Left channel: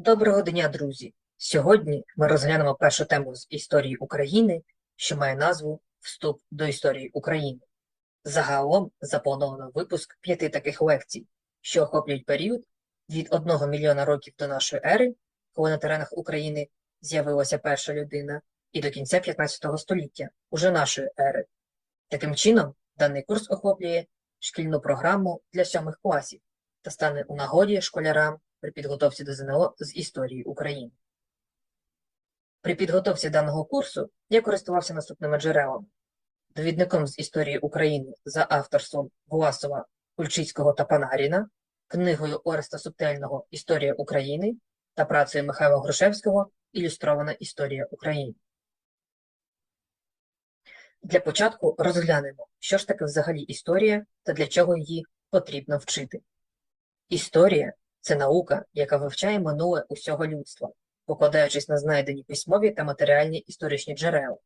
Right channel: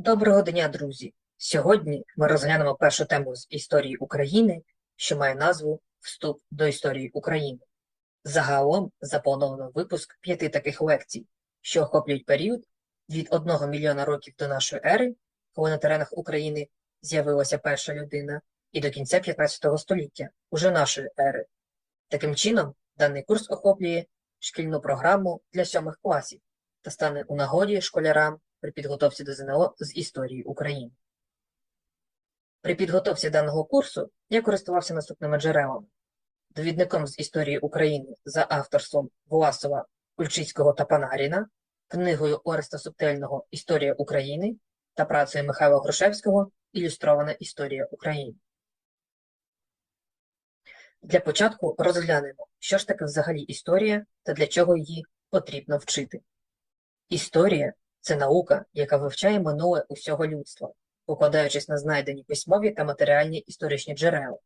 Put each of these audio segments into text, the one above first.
Доброго дня, друзі! Сьогодні ми розглянемо першу тему з історії України, що має назву Вступ до історії України. Загалом заплановано випуск п'яти таких лекцій, що охоплюють період від 1 мільйона років до нашої ери, коли на теренах України з'явилася перша людина, і до кінця 15 століття, уже нашої ери. Таким чином, даний курс охоплює шкільну програму для сьомих класів та стане у нагоді школярам при підготовці до ЗНО з історії України. При підготовці даного курсу я користувався наступними джерелами. Довідником з історії України за авторством Власова, Кульчицького та Панаріна, книгою Ореста Субтельного Історія України та працею Михайла Грушевського Ілюстрована історія України. Для початку розглянемо, що ж таке взагалі історія та для чого її потрібно вчити. Історія це наука, яка вивчає минуле усього людства, покладаючись на знайдені письмові та матеріальні історичні джерела.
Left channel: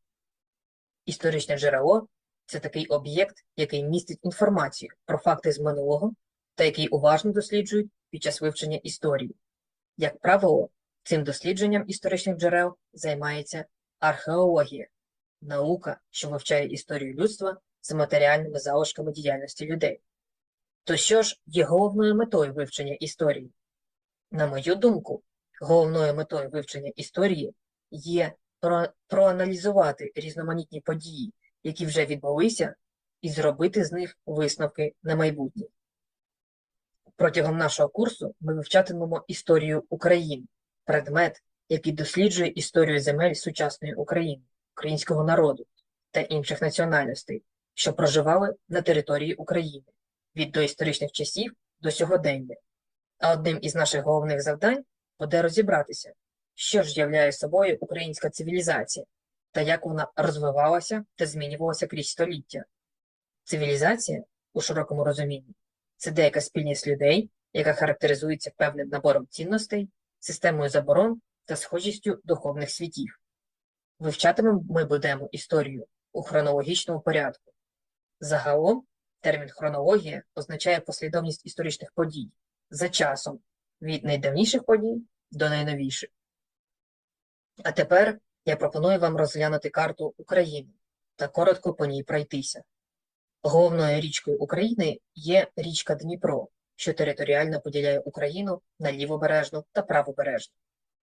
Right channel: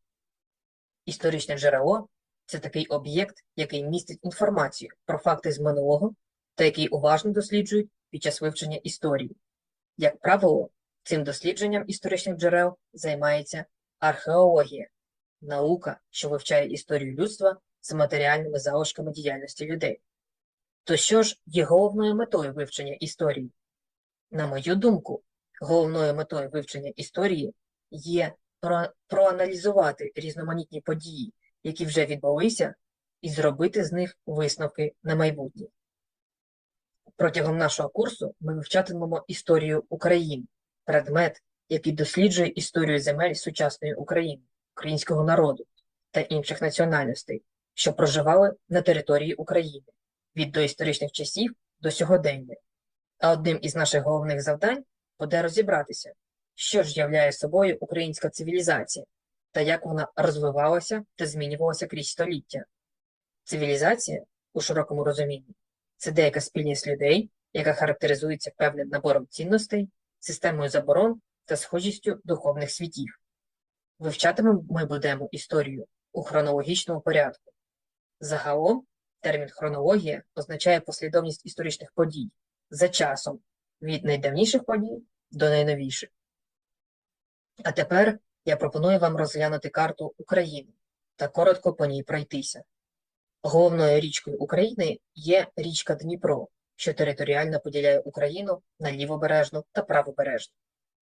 Історичне джерело це такий об'єкт, який містить інформацію про факти з минулого та який уважно досліджують під час вивчення історії. Як правило, цим дослідженням історичних джерел займається археологія, наука, що вивчає історію людства з матеріальними залишками діяльності людей. То що ж є головною метою вивчення історії? На мою думку, головною метою вивчення історії є про проаналізувати різноманітні події, які вже відбулися, і зробити з них висновки на майбутнє. Протягом нашого курсу ми вивчатимемо історію України, предмет, який досліджує історію земель сучасної України, українського народу та інших національностей, що проживали на території України від доісторичних часів до сьогодення. А одним із наших головних завдань буде розібратися, що ж являє собою українська цивілізація та як вона розвивалася та змінювалася крізь століття. Цивілізація, у широкому розумінні, це деяка спільність людей, яка характеризується певним набором цінностей, системою заборон та схожістю духовних світів. Вивчатимемо ми будемо історію у хронологічному порядку. Загалом Термін хронологія означає послідовність історичних подій за часом від найдавніших подій до найновіших. А тепер я пропоную вам розглянути карту України та коротко по ній пройтися. Головною річкою України є річка Дніпро, що територіально поділяє Україну на лівобережну та правобережну.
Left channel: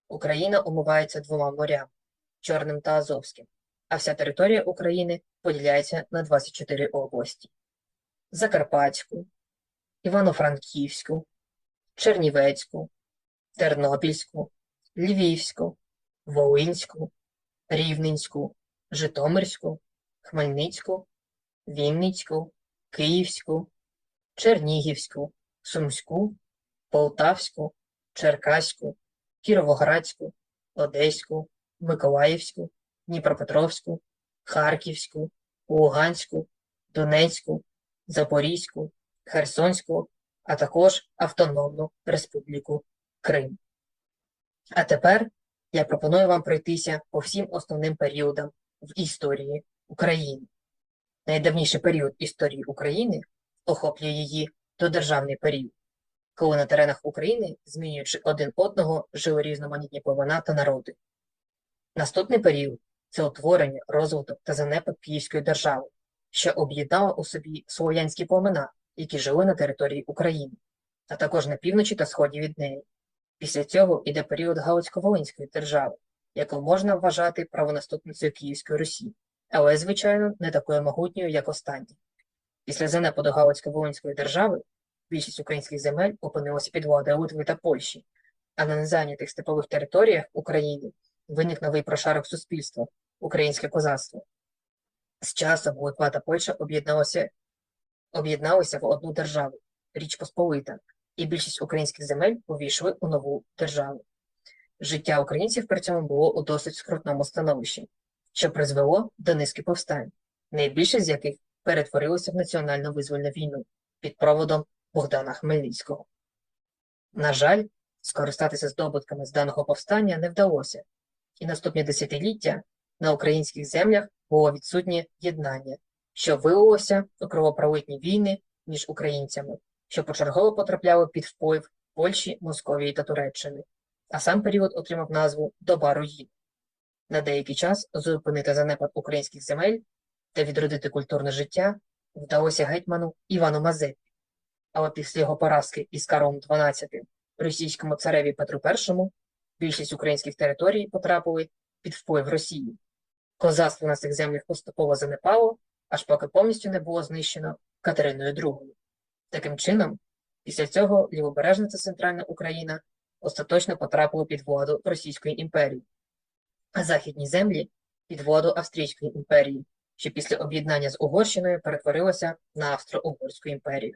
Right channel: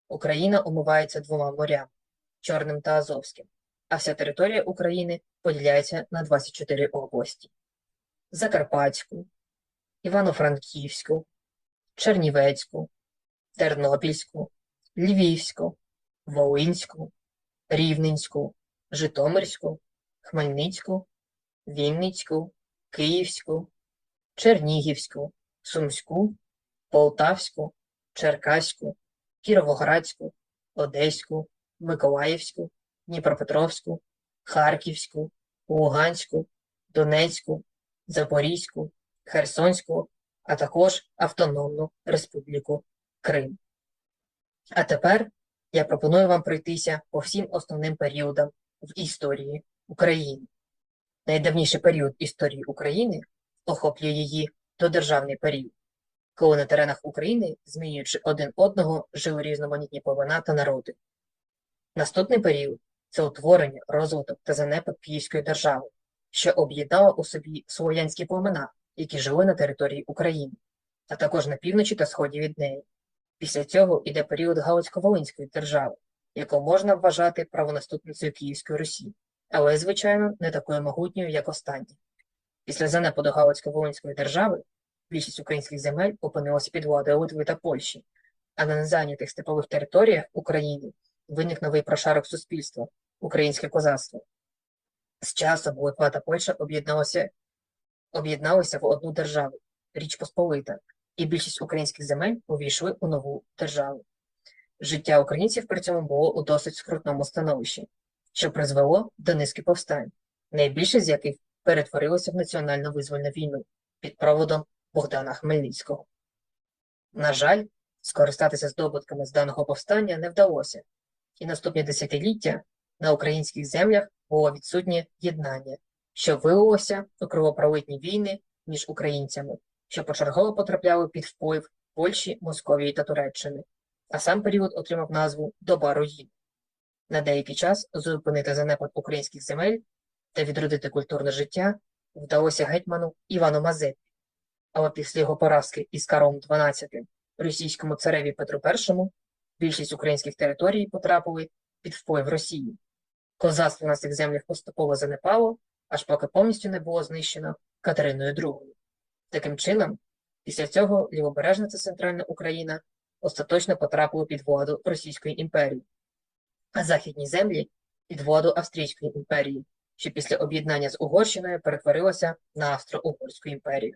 Україна омивається двома морями Чорним та Азовським, а вся територія України поділяється на 24 області. Закарпатську, Івано-Франківську, Чернівецьку, Тернопільську, Львівську, Волинську, Рівненську, Житомирську, Хмельницьку, Вінницьку, Київську, Чернігівську, Сумську, Полтавську, Черкаську, Кіровоградську, Одеську, Миколаївську, Дніпропетровську, Харківську, Луганську, Донецьку, Запорізьку, Херсонську, а також Автономну Республіку Крим. А тепер я пропоную вам пройтися по всім основним періодам в історії України. Найдавніший період історії України охоплює її додержавний період, коли на теренах України, змінюючи один одного, жили різноманітні племена та народи. Наступний період це утворення, розвиток та занепад Київської держави що об'єднала у собі слов'янські племена, які жили на території України, а також на півночі та сході від неї. Після цього йде період Галицько-Волинської держави, яку можна вважати правонаступницею Київської Русі, але, звичайно, не такою могутньою, як останні. Після занепаду Галицько-Волинської держави більшість українських земель опинилася під владою Литви та Польщі, а на незайнятих степових територіях України виник новий прошарок суспільства українське козацтво. З часом Литва та Польща об'єдналися об'єдналися в одну державу Річ Посполита, і більшість українських земель увійшли у нову державу. Життя українців при цьому було у досить скрутному становищі, що призвело до низки повстань, найбільше з яких перетворилося в національно визвольну війну під проводом Богдана Хмельницького. На жаль, скористатися здобутками з даного повстання не вдалося, і наступні десятиліття на українських землях було відсутнє єднання, що вилилося у кровопролитні війни між українцями, що почергово потрапляли під вплив Польщі, Московії та Туреччини. а сам період отримав назву Доба руїн. На деякий час зупинити занепад українських земель та відродити культурне життя вдалося гетьману Івану Мазепі. Але після його поразки із Карлом XII російському цареві Петру І більшість українських територій потрапили під вплив Росії. Козацтво на цих землях поступово занепало, аж поки повністю не було знищено Катериною II. Таким чином, після цього лівобережна та центральна Україна остаточно потрапили під владу Російської імперії, а західні землі під владу Австрійської імперії, що після об'єднання з Угорщиною перетворилося на Австро-Угорську імперію.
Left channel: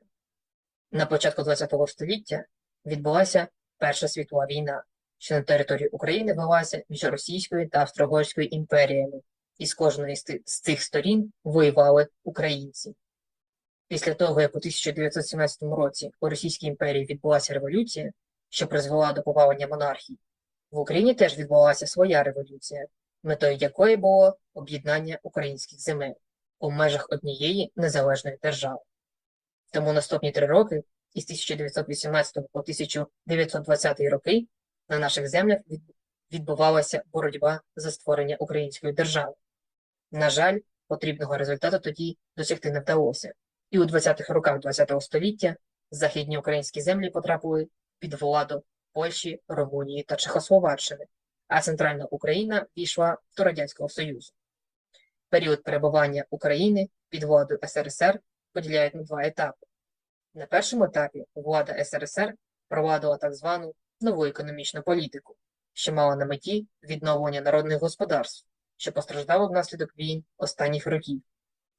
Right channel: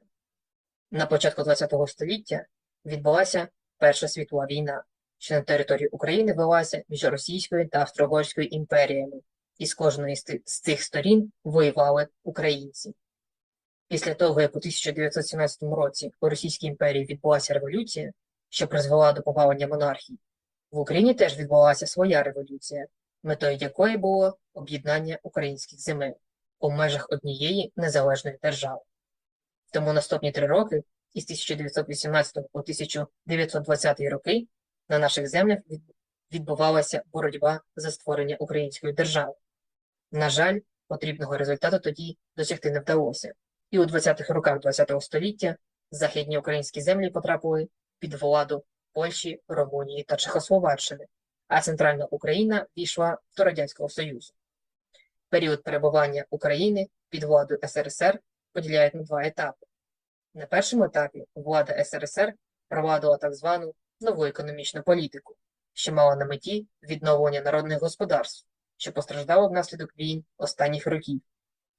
На початку ХХ століття відбулася Перша світова війна, що на території України велася між Російською та Австро-Угорською імперіями, і з кожної з цих сторін воювали українці. Після того, як у 1917 році у Російській імперії відбулася революція, що призвела до повалення монархії, в Україні теж відбулася своя революція, метою якої було об'єднання українських земель у межах однієї незалежної держави. Тому наступні три роки, із 1918 по 1920 роки, на наших землях відбувалася боротьба за створення української держави. На жаль, потрібного результату тоді досягти не вдалося, і у 20-х роках ХХ століття західні українські землі потрапили під владу Польщі, Румунії та Чехословаччини, а центральна Україна пішла до Радянського Союзу. Період перебування України під владою СРСР поділяють на два етапи. На першому етапі влада СРСР провадила так звану нову економічну політику, що мала на меті відновлення народних господарств, що постраждало внаслідок війн останніх років,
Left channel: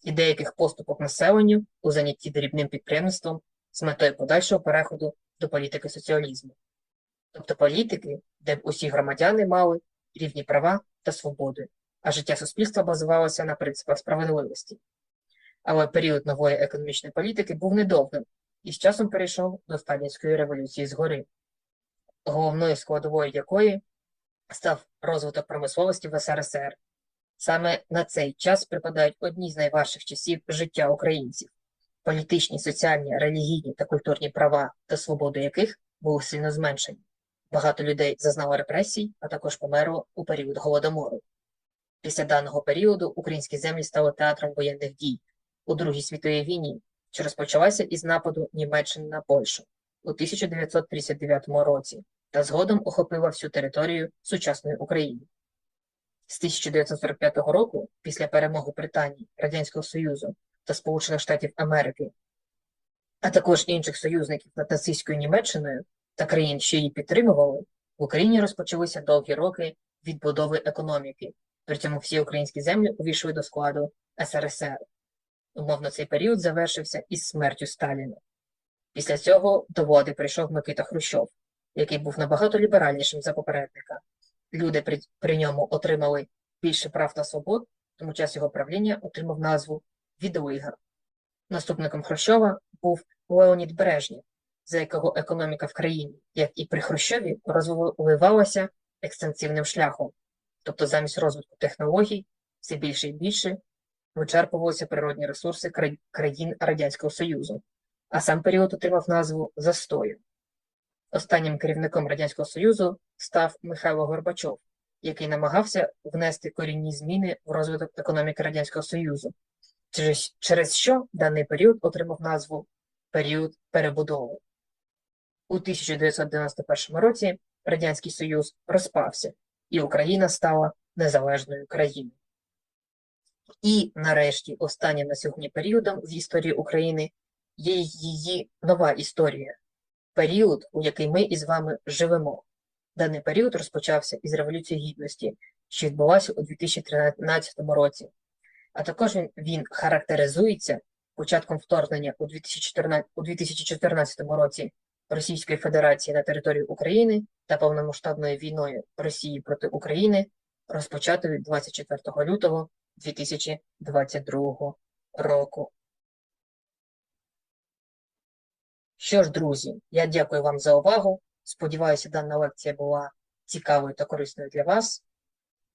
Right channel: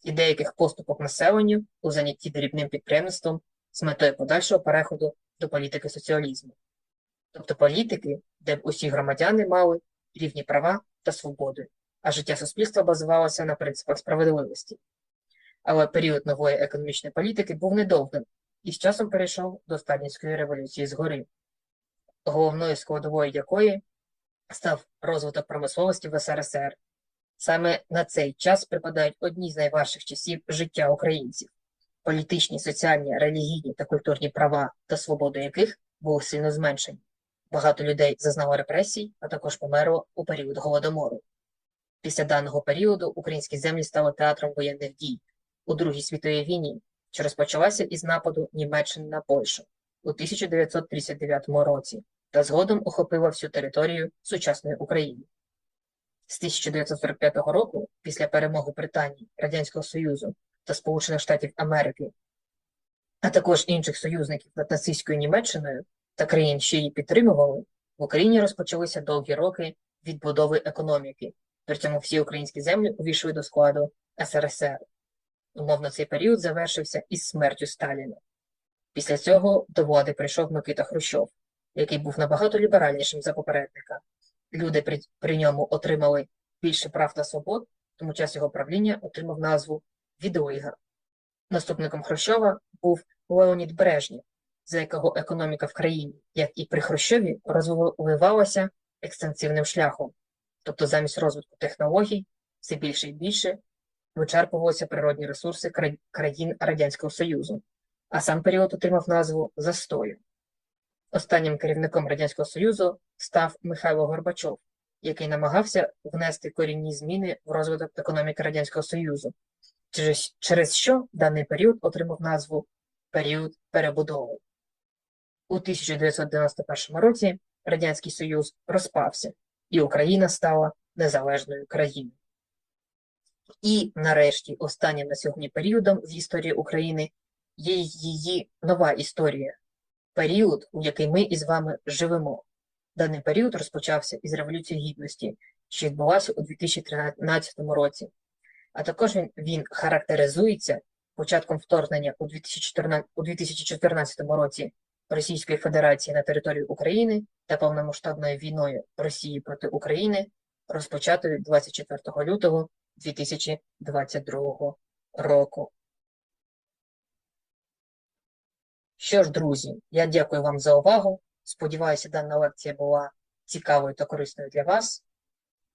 і деяких поступок населенню у занятті дрібним підприємництвом з метою подальшого переходу до політики соціалізму. Тобто політики, де б усі громадяни мали рівні права та свободи, а життя суспільства базувалося на принципах справедливості. Але період нової економічної політики був недовгим і з часом перейшов до сталінської революції згори, головною складовою якої став розвиток промисловості в СРСР. Саме на цей час припадають одні з найважчих часів життя українців, політичні, соціальні, релігійні та культурні права та свободи яких були сильно зменшені. Багато людей зазнало репресій, а також померло у період голодомору. Після даного періоду українські землі стали театром воєнних дій у Другій світовій війні, що розпочалася із нападу Німеччини на Польщу у 1939 році та згодом охопила всю територію сучасної України. З 1945 року, після перемоги Британії, Радянського Союзу та Сполучених Штатів Америки, а також інших союзників над нацистською Німеччиною та країн, що її підтримували, в Україні розпочалися довгі роки відбудови економіки. При цьому всі українські землі увійшли до складу СРСР. Умовно, цей період завершився із смертю Сталіна. Після цього до влади прийшов Микита Хрущов, який був набагато ліберальнішим за попередника. Люди при, при ньому отримали більше прав та свобод, тому час його правління отримав назву Відлига. Наступником Хрущова був Леонід Брежнєв, за якого економіка в країні, як і при Хрущові, розвивалася екстенсивним шляхом, тобто замість розвитку технологій все більше і більше вичерпувалися природні ресурси кра- країн Радянського Союзу, а сам період отримав назву Застою. Останнім керівником Радянського Союзу став Михайло Горбачов, який намагався внести корінні зміни в розвиток економіки Радянського Союзу, через, через що даний період отримав назву період перебудови. У 1991 році Радянський Союз розпався, і Україна стала незалежною країною. І нарешті останнім на сьогодні періодом в історії України є її нова історія, період, у який ми із вами живемо. Даний період розпочався із Революції Гідності, що відбулася у 2013 році. А також він, характеризується початком вторгнення у 2014, у 2014 році Російської Федерації на територію України та повномасштабною війною Росії проти України, розпочатою 24 лютого 2022 року. Що ж, друзі, я дякую вам за увагу. Сподіваюся, дана лекція була цікавою та корисною для вас.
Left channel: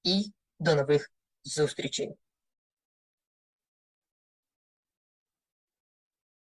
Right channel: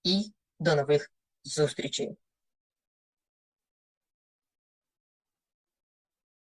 І до нових зустрічей!